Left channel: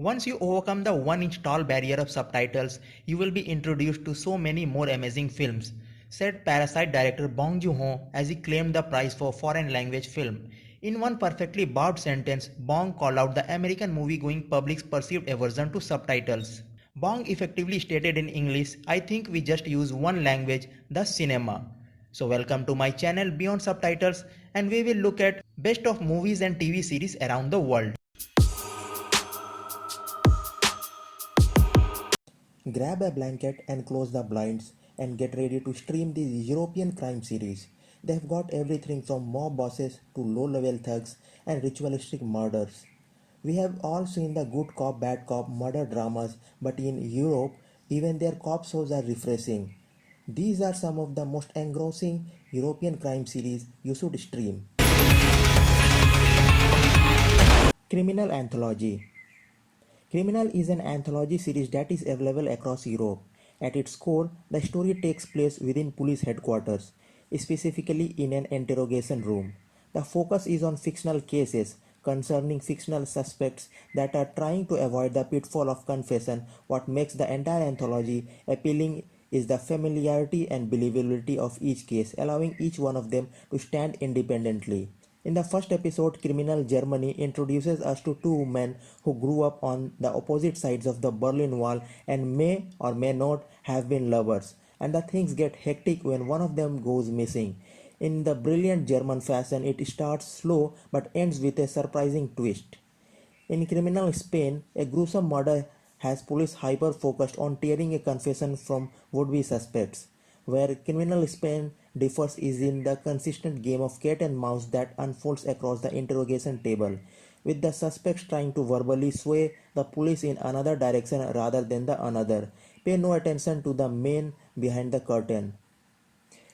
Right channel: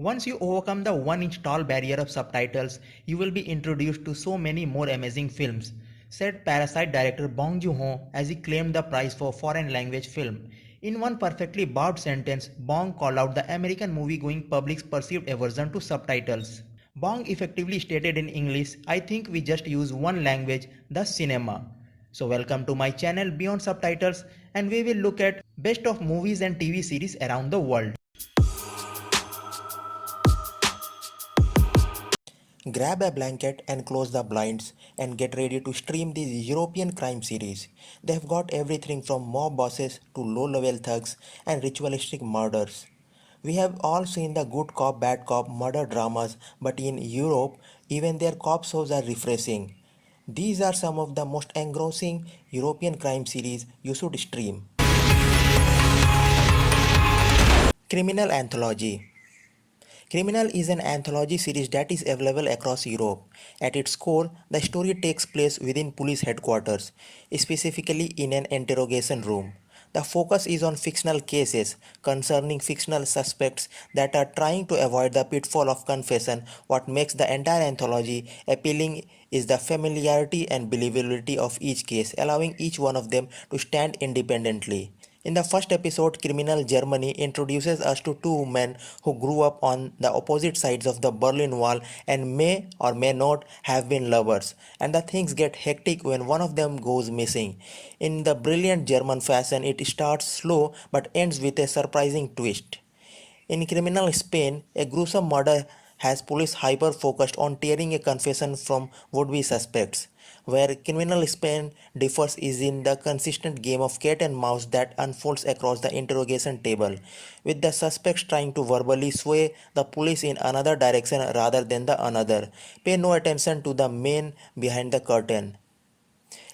Once you overcome the 1 inch tall barrier of subtitles, you will be introduced to so many more amazing films, said Parasite director Bong Joon-ho as he claimed the prize for foreign language film. In one perfectly barbed sentence, Bong called out the American movie-going public's perceived aversion to subtitles. Bong effectively stated in English, I think we just use one language, the cinema. So welcome to my channel Beyond Subtitles, and we will look at best of movies and TV series around the world. Grab a blanket and close the blinds and get ready to stream this European crime series. They've got everything from mob bosses to low level thugs and ritualistic murders. We have all seen the good cop, bad cop murder dramas, but in Europe, even their cop shows are refreshing. These are some of the most engrossing European crime series you should stream. Criminal Anthology. Criminal is an anthology series that is available across Europe. At its core, the story takes place within police headquarters, specifically in an interrogation room. The focus is on fictional cases concerning fictional suspects that are trying to avoid the pitfall of confession. What makes the entire anthology appealing is the familiarity and believability of each case, allowing each one of them to stand independently. In the first episode, Criminal Germany introduces us to two men who grew up on the opposite sides of the Berlin Wall and may or may not have been lovers. And the things get hectic when one of them goes missing. In the brilliant German fashion, it starts slow but ends with a surprising twist. In criminal Spain, a gruesome murder has police hyper focused on tearing a confession from would be suspects. Where criminal Spain differs is in the consistent game of cat and mouse that unfolds across the interrogation table, with the suspects trying to verbally sway the police in another direction rather than the another. Pay no attention to the man behind the curtain.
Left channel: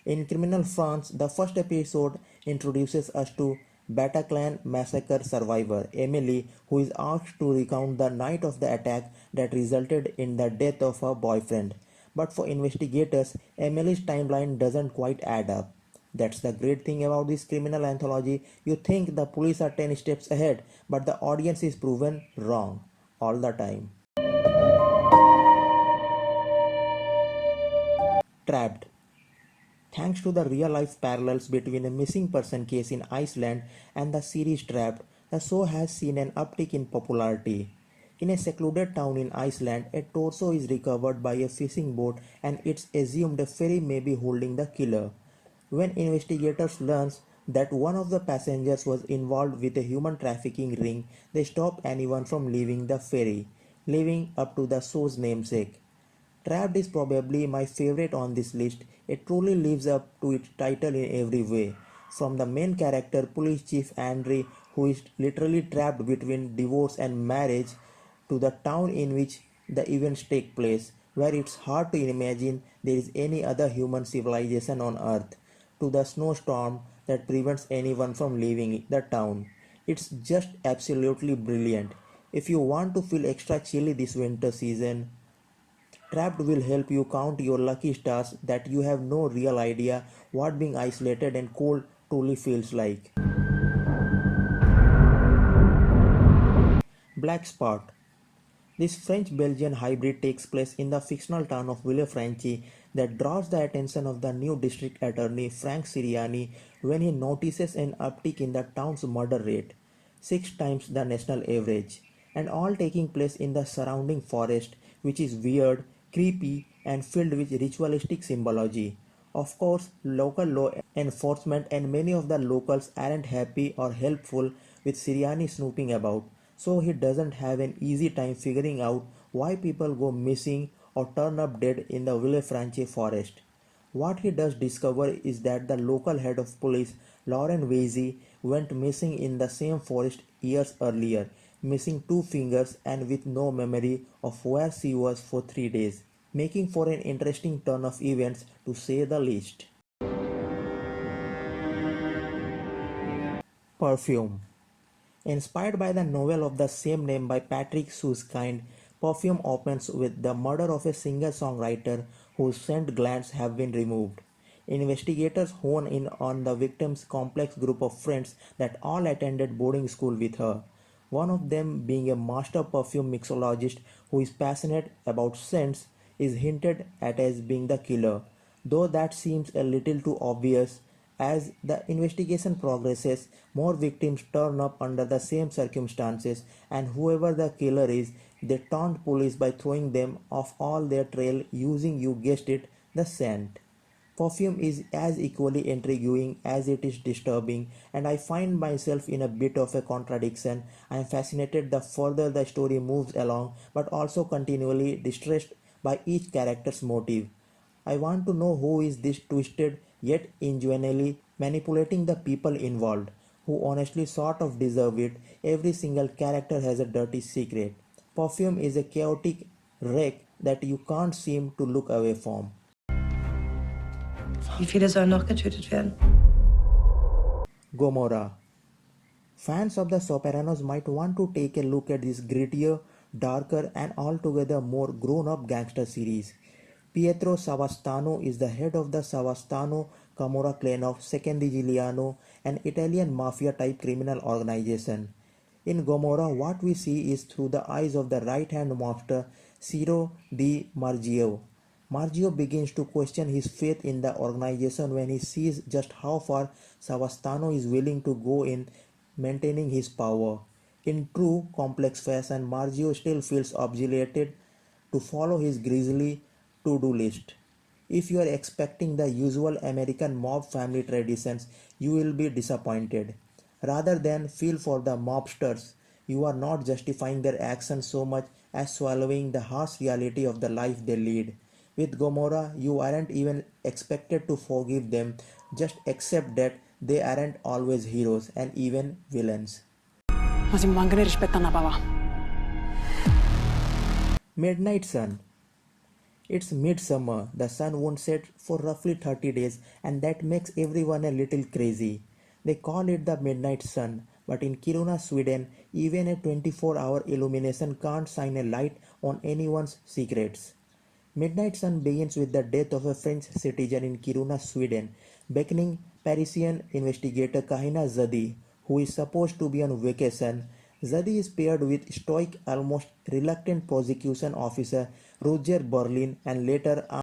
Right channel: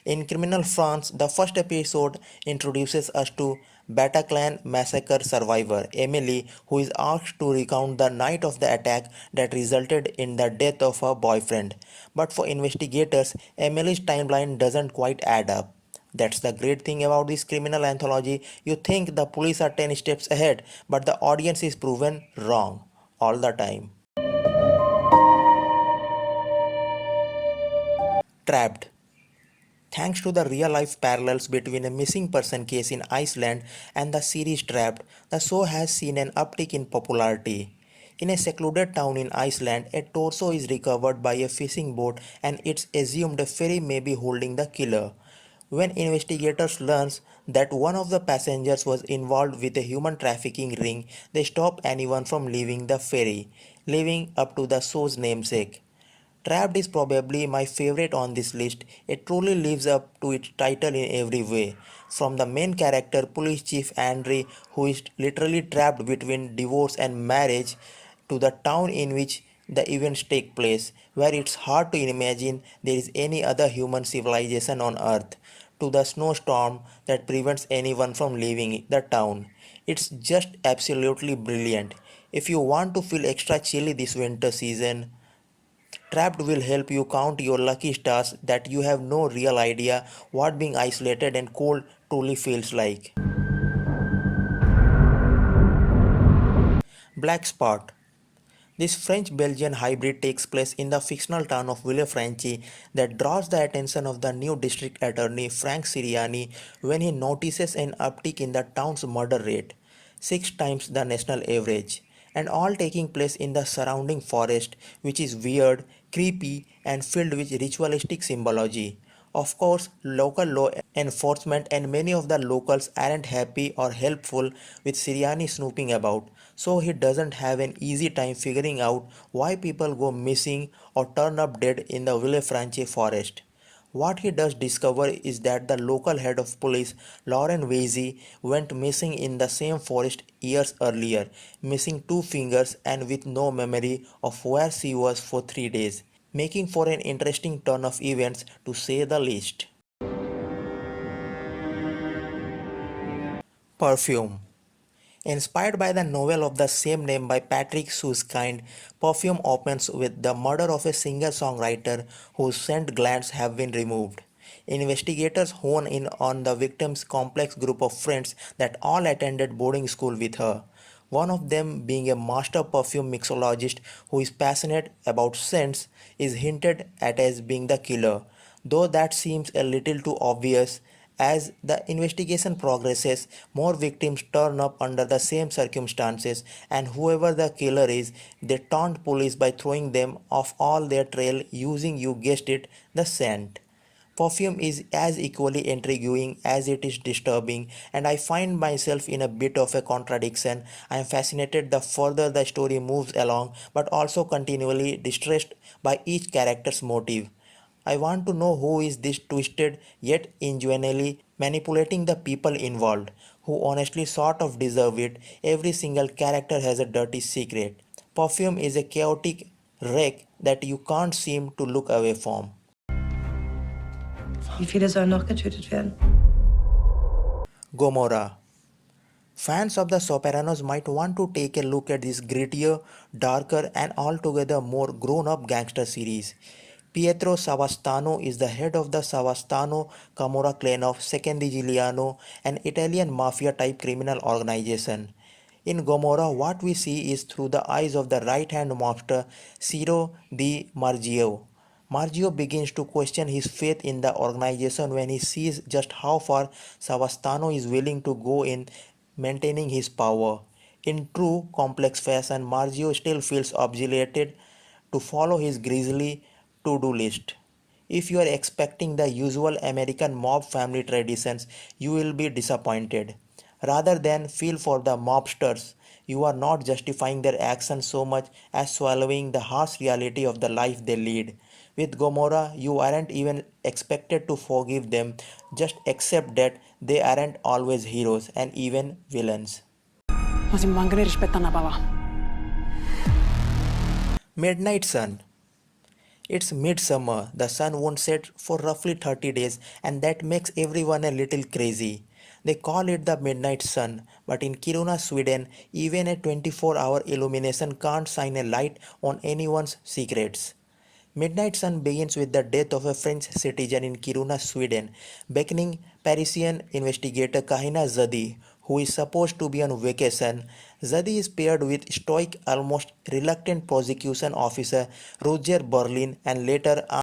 In Criminal France, the first episode introduces us to Bataclan massacre survivor Emily, who is asked to recount the night of the attack that resulted in the death of her boyfriend. But for investigators, Emily's timeline doesn't quite add up. That's the great thing about this criminal anthology. You think the police are 10 steps ahead, but the audience is proven wrong all the time. Trapped. Thanks to the real life parallels between a missing person case in Iceland and the series Trapped, the show has seen an uptick in popularity. In a secluded town in Iceland, a torso is recovered by a fishing boat and it's assumed a ferry may be holding the killer. When investigators learn that one of the passengers was involved with a human trafficking ring, they stop anyone from leaving the ferry, living up to the show's namesake. Trapped is probably my favorite on this list. It truly lives up to its title in every way. From the main character, Police Chief Andre, who is literally trapped between divorce and marriage, to the town in which the events take place, where it's hard to imagine there is any other human civilization on Earth, to the snowstorm that prevents anyone from leaving the town. It's just absolutely brilliant. If you want to feel extra chilly this winter season, Trapped will help you count your lucky stars that you have no real idea what being isolated and cold truly feels like. Black Spot. This French-Belgian hybrid takes place in the fictional town of Villefranche that draws the attention of the new district attorney Frank Siriani when he notices an uptick in the town's murder rate, 6 times the national average, and all taking place in the surrounding forest, which is weird, creepy, and filled with ritualistic symbology. Of course, local law enforcement and many of the locals aren't happy or helpful with Siriani snooping about, so he doesn't have an easy time figuring out why people go missing or turn up dead in the Villefranche forest. What he does discover is that the local head of police, Lauren Vasey, went missing in the same forest years earlier, missing 2 fingers and with no memory of where she was for 3 days, making for an interesting turn of events to say the least. Perfume. Inspired by the novel of the same name by Patrick Suskind, Perfume opens with the murder of a singer-songwriter whose scent glands have been removed. Investigators hone in on the victim's complex group of friends that all attended boarding school with her, One of them, being a master perfume mixologist who is passionate about scents, is hinted at as being the killer, though that seems a little too obvious. As the investigation progresses, more victims turn up under the same circumstances, and whoever the killer is, they taunt police by throwing them off all their trail using, you guessed it, the scent. Perfume is as equally intriguing as it is disturbing, and I find myself in a bit of a contradiction. I am fascinated the further the story moves along, but also continually distressed by each character's motive. I want to know who is this twisted yet ingenuinely manipulating the people involved, who honestly sort of deserve it. Every single character has a dirty secret. Perfume is a chaotic wreck that you can't seem to look away from. Wie viele sollen noch getötet werden? Gomorrah. Fans of The Sopranos might want to take a look at this grittier, darker, and altogether more grown up gangster series. Pietro Savastano is the head of the Savastano Camorra clan of Secondigliano, an Italian mafia type criminal organization. In Gomorrah, what we see is through the eyes of the right hand mobster Ciro Di Margio. Margio begins to question his faith in the organization when he sees just how far Savastano is willing to go in maintaining his power. In true complex fashion, Margio still feels obligated to follow his grisly to-do list. If you are expecting the usual American mob family traditions, you will be disappointed. Rather than feel for the mobsters, you are not justifying their actions so much as swallowing the harsh reality of the life they lead. With Gomorrah, you aren't even expected to forgive them, just accept that they aren't always heroes and even villains. Ma si manca di rispetto a una papà. Midnight Sun. It's midsummer, the sun won't set for roughly 30 days, and that makes everyone a little crazy. They call it the midnight sun, but in Kiruna, Sweden, even a 24-hour illumination can't shine a light on anyone's secrets. Midnight Sun begins with the death of a French citizen in Kiruna, Sweden, beckoning Parisian investigator Kahina Zadi, who is supposed to be on vacation. Zadi is paired with stoic, almost reluctant prosecution officer Roger Berlin and later